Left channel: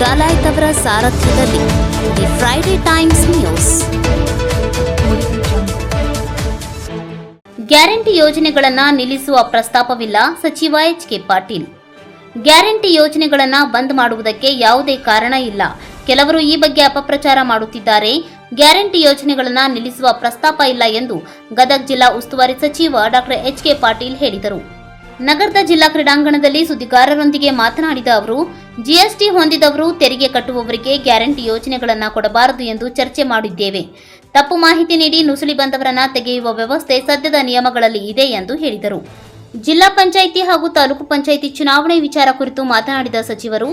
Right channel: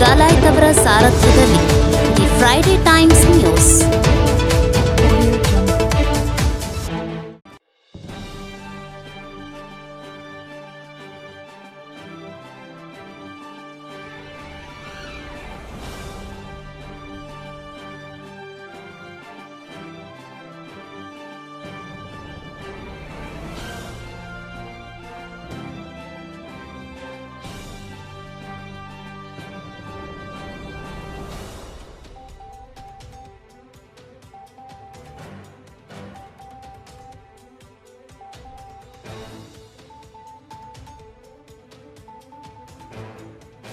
ಡಾಲಾಯ್ತ್ ಅವರ ಸಾರಥ್ಯದಲ್ಲಿ the Friday Times news. Guarantee ಯೋಜನೆಗಳನ್ನು ನಿಲ್ಲಿಸುವ ಪ್ರಸ್ತಾಪವಿಲ್ಲ ಸಚಿವ ಎಚ್ ಕೆ ಪಾಟೀಲ್. ಗ್ಯಾರಂಟಿ ಯೋಜನೆಗಳನ್ನು ಬಂದ್ ಮಾಡುವುದಕ್ಕೆ ಯಾವುದೇ ಕಾರಣ ಇಲ್ಲ. ಕೆಲವರು ಈ ಬಗ್ಗೆ ಅಪಪ್ರಚಾರ ಮಾಡುತ್ತಿದ್ದಾರೆ. ಗ್ಯಾರಂಟಿ ಯೋಜನೆಗಳನ್ನು ನಿಲ್ಲಿಸುವ ಪ್ರಸ್ತಾಪ ಇಲ್ಲ ಎಂದು ಗದಗ ಜಿಲ್ಲಾ ಉಸ್ತುವಾರಿ ಸಚಿವ ಡಾಕ್ಟರ್ ಎಚ್ ಕೆ ಪಾಟೀಲ್ ಹೇಳಿದರು. ನಗರದ ಜಿಲ್ಲಾ ಕ್ರೀಡಾಂಗಣದಲ್ಲಿ ಸುದ್ದಿಗಾರರೊಂದಿಗೆ ಮಾತನಾಡಿದ ಅವರು, ಜಿಎಸ್ಟಿ ಹೊಂದಿದವರು ತೆರಿಗೆ ಕಟ್ಟುವವರಿಗೆ ಗ್ಯಾರಂಟಿ ಯೋಜನೆಗಳನ್ನು ಕೊಡಬಾರದು ಎಂದು ಚರ್ಚೆ ಮಾಡಿದ್ದೇವೆ. ತಪ್ಪು ಮಾಹಿತಿ ನೀಡಿ ನುಸುಳಿ ಬಂದವರನ್ನ ತೆಗೆಯುವ ವ್ಯವಸ್ಥೆ ಸದ್ಯದ ನಿಯಮಗಳಲ್ಲಿ ಇದೆ ಎಂದು ಹೇಳಿದರು. ಜಿಲ್ಲಾ ಪಂಚಾಯಿತಿ ಹಾಗೂ ತಾಲೂಕು ಪಂಚಾಯಿತಿ ಚುನಾವಣೆ ವಿಚಾರ ಕುರಿತು ಮಾತನಾಡಿದ ಸಚಿವರು,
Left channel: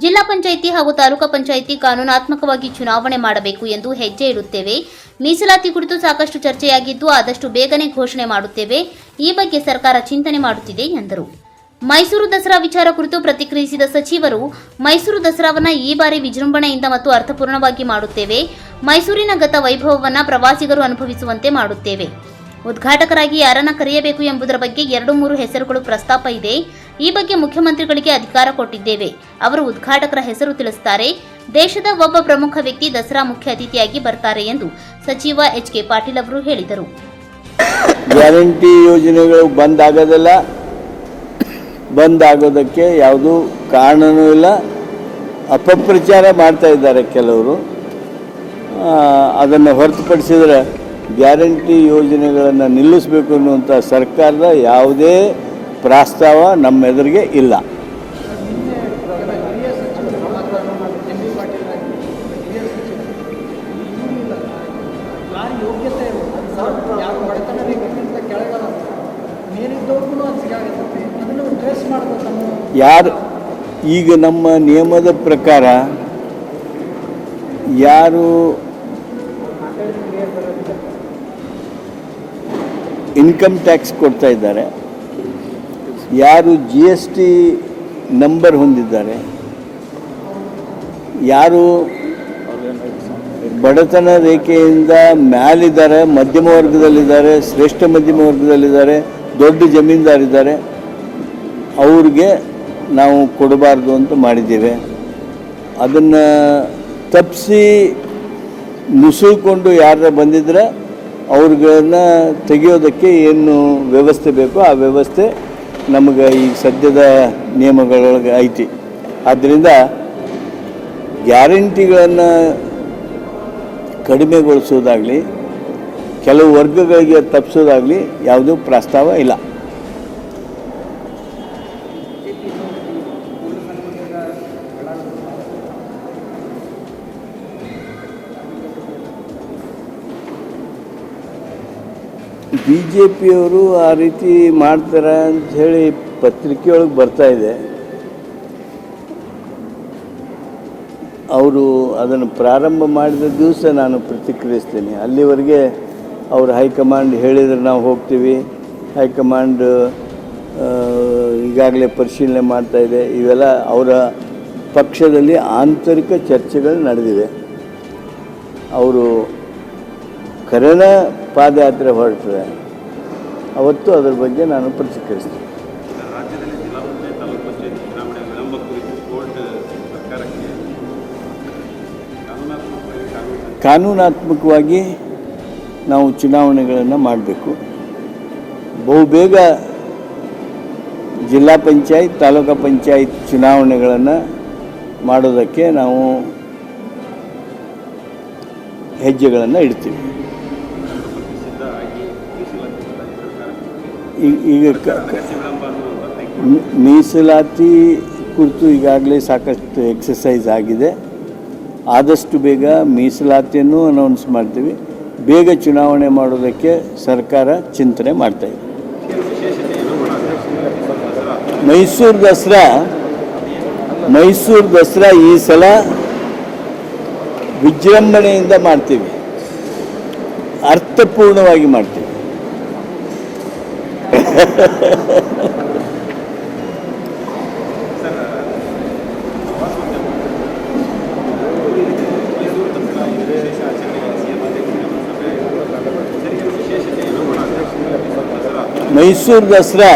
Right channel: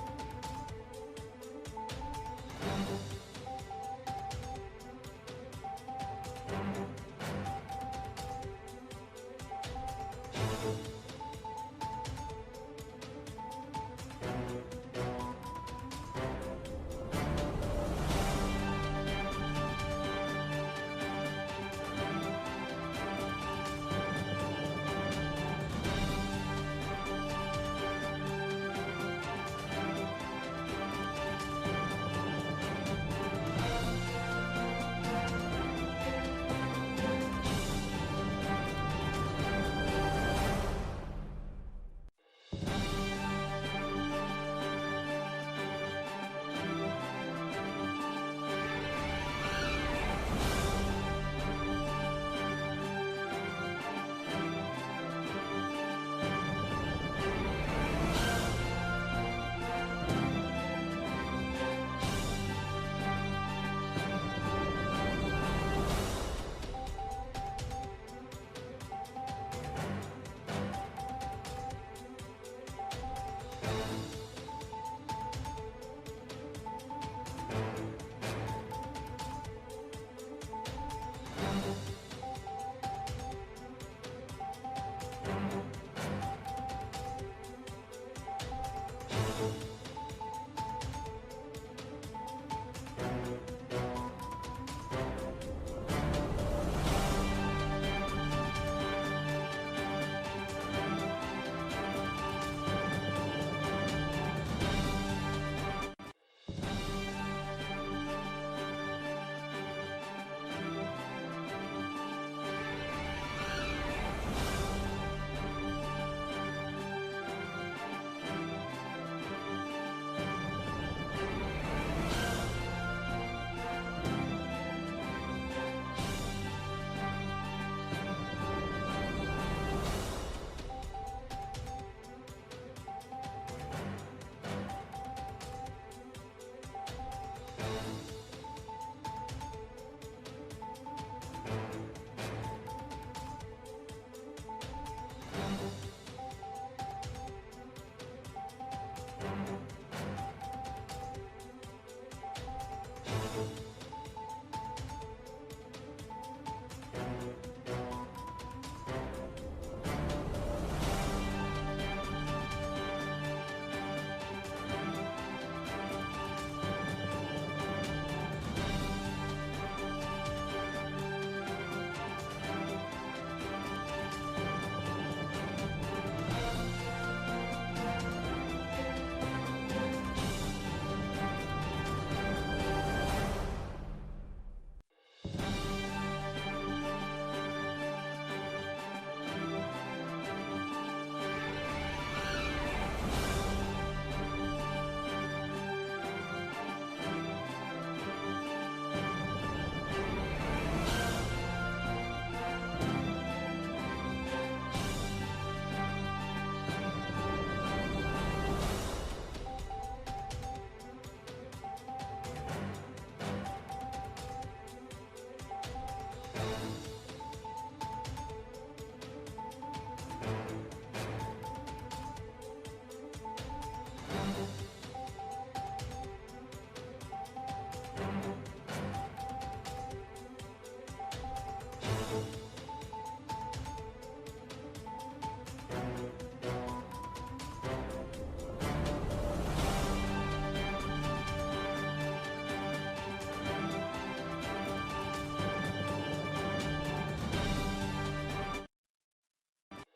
ಜಿಲ್ಲಾ ಪಂಚಾಯಿತಿ ಹಾಗೂ ತಾಲೂಕು ಪಂಚಾಯಿತಿ ಕಾನೂನಾತ್ಮಕವಾಗಿ ಚುನಾವಣೆ ಮಾಡಬೇಕು ಎಂದು ಹೆಜ್ಜೆ ಇಡುತ್ತೇವೆ. ಮೀಸಲಾತಿ ಕುರಿತು ಸಾಕಷ್ಟು ಚರ್ಚೆಯಾಗಿದ್ದು, ಆದಷ್ಟು ಬೇಗನೆ ಘೋಷಣೆ ಮಾಡುತ್ತೇವೆ. ಈ ಬಗ್ಗೆ ಸರ್ಕಾರ ಚಿಂತನೆ ಮಾಡುತ್ತಿದೆ ಎಂದರು. ಮೈಸೂರು ದಸರಾ ವಿಚಾರ ಕುರಿತು ಪ್ರತಿಕ್ರಿಯಿಸಿದ ಸಚಿವರು, ಮೈಸೂರು ದಸರಾವನ್ನು ಈ ಬಾರಿ ವಿಜೃಂಭಣೆಯಿಂದ ಮತ್ತು ಅರ್ಥಪೂರ್ಣವಾಗಿ ಮಾಡುತ್ತೇವೆ. ಮೈಸೂರಿನ ಗತ ವೈಭವವನ್ನು ಪ್ರವಾಸಿಗರು ಅನುಭವಿಸುವಂತೆ ಮಾಡುತ್ತೇವೆ. ಉದ್ಘಾಟಕರಾಗಿ ಯಾರನ್ನ ಕರೆಯಬೇಕು ಎಂಬುದರ ಬಗ್ಗೆ ಎರಡು ಮೂರು ಹೆಸರುಗಳು ಪ್ರಸ್ತಾಪ ಇದೆ. ಈ ಬಗ್ಗೆ ಮುಖ್ಯಮಂತ್ರಿಗಳಿಗೆ ಅಧಿಕಾರ ಕೊಟ್ಟಿದ್ದೇವೆ. ಅವರು ಉದ್ಘಾಟಕರ ಹೆಸರು ತಿಳಿಸುತ್ತಾರೆ ದೇಶದ ಒಬ್ಬ ಪ್ರಮುಖ ವ್ಯಕ್ತಿ ದಸರಾ ಮುಖ್ಯ ಅತಿಥಿಯಾಗಿ ಬರ್ತಾರೆ ಎಂದು ಸಚಿವ ಎಚ್ ಕೆ ಪಾಟೀಲ್ ಅವರು ಹೇಳಿದರು. ಗ್ಯಾರಂಟಿ ಯೋಜನೆಗಳು ಬಂದ್ ಆಗೋದಿಲ್ಲ ಬಂದ್ ಆಗೋದಕ್ಕೆ ಯಾವುದೂ ಕಾರಣನೂ ಇಲ್ಲ. ಅಪಪ್ರಚಾರ ಮಾಡ್ತಾ ಇದ್ದಾರೆ ಕೆಲವರು. ಅದನ್ನು ಹೊರತುಪಡಿಸಿದರೆ ಗ್ಯಾರಂಟಿ ಯೋಜನೆಗಳನ್ನು ನಿಲ್ಲಿಸಬೇಕು ಅನ್ನುವಂಥ ಸರ್ಕಾರದ ಯಾವುದೇ ಪ್ರಸ್ತಾವ ನಮ್ಮ ಎದುರಿಗೆ ಇಲ್ಲ. ಯಾರು ಈಗ ನಮ್ಮ ನಿಯಮದ ಪ್ರಕಾರ ಯಾರು ಇನ್ಕಮ್ ಟ್ಯಾಕ್ಸ್ ಕೊಡ್ತಾ ಇದ್ದಾರೆ. ಯಾರು ಜಿ ಎಸ್ ಟಿ ನಂಬರ್ ಹೊಂದಿದ್ದಾರೆ. ಯಾರು ಬಡತನ ರೇಖೆಯಿಂದ ಮ್ಯಾಲಿದ್ದಾರೆ, ಮಧ್ಯಮ ವರ್ಗದಲ್ಲಿದ್ದಾರೆ, ಶ್ರೇಷ್ಠ ಮಧ್ಯಮ ವರ್ಗದಲ್ಲಿದ್ದಾರೆ, ದೊಡ್ಡ ಜಮೀನ್ದಾರಿದ್ದಾರೆ. ಅವ್ರಿಗೆ ನಾವು ಕೊಡಬಾರ್ದು ಅಂತ ಮಾಡಿದ್ದೇವೆ. ಅದನ್ನು ತಪ್ಪಿಸಿ ನುಸುಳ್ಕೊಂಡು ಯಾರ ಬಂದಿದ್ರೆ ಅವ್ರುಗಳನ್ನ ತೆಗೆಯೋದಕ್ಕೆ ಏನು ವ್ಯವಸ್ಥೆ ಬೇಕೋ ಆ ವ್ಯವಸ್ಥೆ ನಮಗೆ ಈ ಸದ್ಯದ ನಿಯಮಗಳೊಳಗೆ ಐತಿ. ಆದ್ದರಿಂದ ಗ್ಯಾರಂಟಿಗಳನ್ನು ಕಡಿಮೆಗೊಳಿಸೋದಾಗಲಿ, ಕೆಲವು ವರ್ಗಗಳಿಗೆ ತಪ್ಪಿಸೋದಾಗಲಿ ಯಾವುದೂ ಪ್ರಸ್ತಾವ ಇಲ್ಲ. ಬಿ ಜೆ ಪಿಯವರು ಆ ರೀತಿ ಮಾಡ್ತಾರೆ ಅಂತ ಹೇಳಿ ಪತ್ರಿಕೆಯೊಳಗೆ ಬರ್ತಾ ಇದೆ. ಅವರು ಅದನ್ನು ಪ್ರಾರಂಭ ಮಾಡಿದ ದಿವಸ ನಾನು ಪ್ರತಿಕ್ರಿಯಿಸ್ತೀನಿ. ಅಲ್ಲಿವರೆಗೆ ಅವರು ಹೈಕಮಾಂಡ್ ಹೇಳಿದರೆ ನಾವು ಹೋಗ್ತೀವಿ. ಹೈಕಮಾಂಡ್ ಈಗಾಗಲೇ ಪರಿಶೀಲನೆ ಮಾಡ್ತಾ ಇದೆ. ಇವೆಲ್ಲ ಅವರ ಪಕ್ಷದಲ್ಲಿ ಆಂತರಿಕ ಚರ್ಚೆಗಳು ನಡೆದಿವೆ ಅವರು ಕರೆನ ಪಾದಯಾತ್ರೆ ಹೊರಡ್ತದೆ ಅವತ್ತು ಅದರ ಬಗ್ಗೆ ನಾನು ಪ್ರತಿಕ್ರಿಯಿಸ್ತೇನೆ. ಕಾನೂನಾತ್ಮಕವಾಗಿ ನಾವು ಚುನಾವಣೆಗಳನ್ನು ಮಾಡಬೇಕು. ಬಹುಬೇಗ ಜಿಲ್ಲಾ ಪಂಚಾಯತ್, ತಾಲೂಕು ಪಂಚಾಯತ್ ಚುನಾವಣೆಗಳನ್ನು ಮಾಡೋದಕ್ಕೆ ನಾವು ಹೆಜ್ಜೆಗಳನ್ನು ಇಡ್ತೀವಿ. ಈಗ ಮೀಸಲಾತಿ ಕುರಿತು ಈಗಾಗಲೇ ಸಾಕಷ್ಟು ಎಕ್ಸಸೈಸ್ ಆಗಿದೆ. ಆದಷ್ಟು ಬೇಗ ಮೀಸಲಾತಿಯನ್ನು ಅನೌನ್ಸ್ ಮಾಡ್ತೀವಿ. ಬೇಗ ಚುನಾವಣೆ ಮಾಡೋದಕ್ಕೆ ಸರ್ಕಾರ ಚಿಂತನೆ ಮಾಡ್ತಾ ಇದೆ. ಮೈಸೂರು ದಸರಾ ಮೈಸೂರು ದಸರಾ ಈ ಸಲ ವಿಜೃಂಭಣೆಯಿಂದ ಮಾಡ್ತೀವಿ. ಅರ್ಥಪೂರ್ಣವಾಗಿ ಮಾಡ್ತೀವಿ. ಮೈಸೂರು ದಸರಾ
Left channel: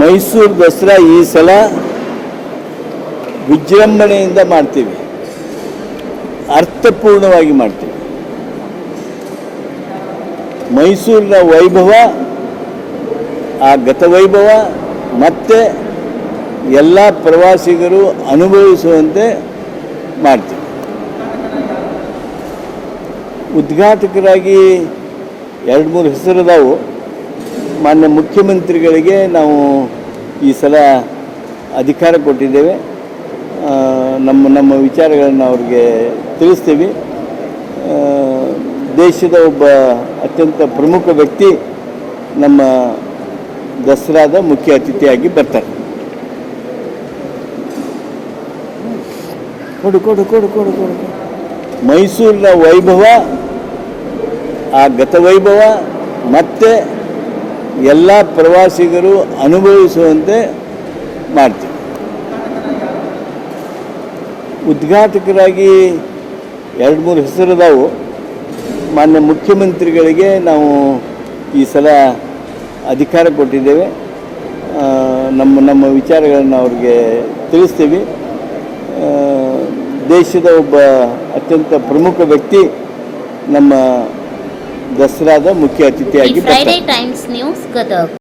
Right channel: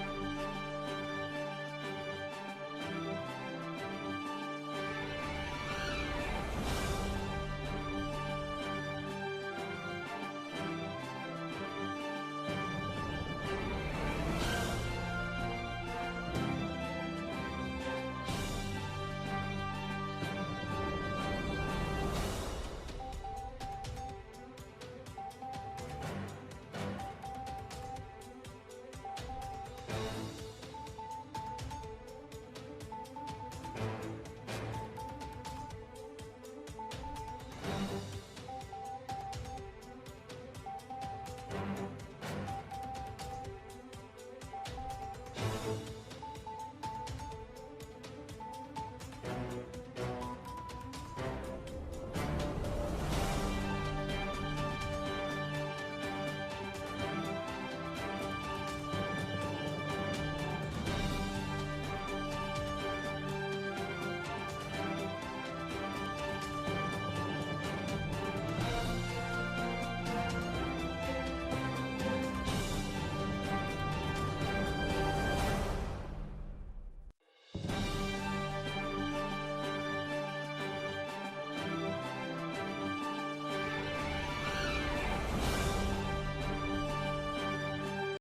ಮೈಸೂರು ದಸರಾ ಈ ಸಲ ವಿಜೃಂಭಣೆಯಿಂದ ಮಾಡ್ತೀವಿ. ಅರ್ಥಪೂರ್ಣವಾಗಿ ಮಾಡ್ತೀವಿ. ಮೈಸೂರಿನ ವೈಭವ ಆ ಗತವೈಭವ ಮತ್ತೆ ಎಲ್ಲ ಪ್ರವಾಸಿಗರು ಅನುಭವಿಸುವಂತೆ ಮಾಡ್ತೀವಿ. ಉದ್ಘಾಟಕರಾಗಿ ಎರಡು ಮೂರು ಹೆಸರದಾವು. ಮಾನ್ಯ ಮುಖ್ಯಮಂತ್ರಿಗಳಿಗೆ ನಾವು ಈ ಸಲ ಅಧಿಕಾರ ಕೊಟ್ಟಿದ್ದೇವೆ. ನಮ್ಮ ನಮ್ಮ ವಿಚಾರಗಳನ್ನು ಅವ್ರಿಗೆ ತಿಳಿಸ್ತೀವಿ. ದೇಶದ ಒಬ್ಬ ಅತ್ಯಂತ ಪ್ರಮುಖ ವ್ಯಕ್ತಿ ನಮ್ಮ ದಸರಾದ ಮುಖ್ಯ ಅತಿಥಿಯಾಗಿ ಬರ್ತಾರೆ. ಕೊಡು ಕೊಡು ಕೊಡು ಕೊಡು. ಮೈಸೂರಿನ ವೈಭವ ಆ ಗತವೈಭವ ಮತ್ತೆ ಎಲ್ಲ ಪ್ರವಾಸಿಗರು ಅನುಭವಿಸುವಂತೆ ಮಾಡ್ತೀವಿ. ಉದ್ಘಾಟಕರಾಗಿ ಎರಡು ಮೂರು ಹೆಸರದಾವು. ಮಾನ್ಯ ಮುಖ್ಯಮಂತ್ರಿಗಳಿಗೆ ನಾವು ಈ ಸಲ ಅಧಿಕಾರ ಕೊಟ್ಟಿದ್ದೇವೆ. ನಮ್ಮ ನಮ್ಮ ವಿಚಾರಗಳನ್ನು ಅವ್ರಿಗೆ ತಿಳಿಸ್ತೀವಿ. ದೇಶದ ಒಬ್ಬ ಅತ್ಯಂತ ಪ್ರಮುಖ ವ್ಯಕ್ತಿ ನಮ್ಮ ದಸರಾದ ಮುಖ್ಯ ಅತಿಥಿಯಾಗಿ ಟೈಮ್ಸ್ ನ್ಯೂಸ್ ಗದಗ್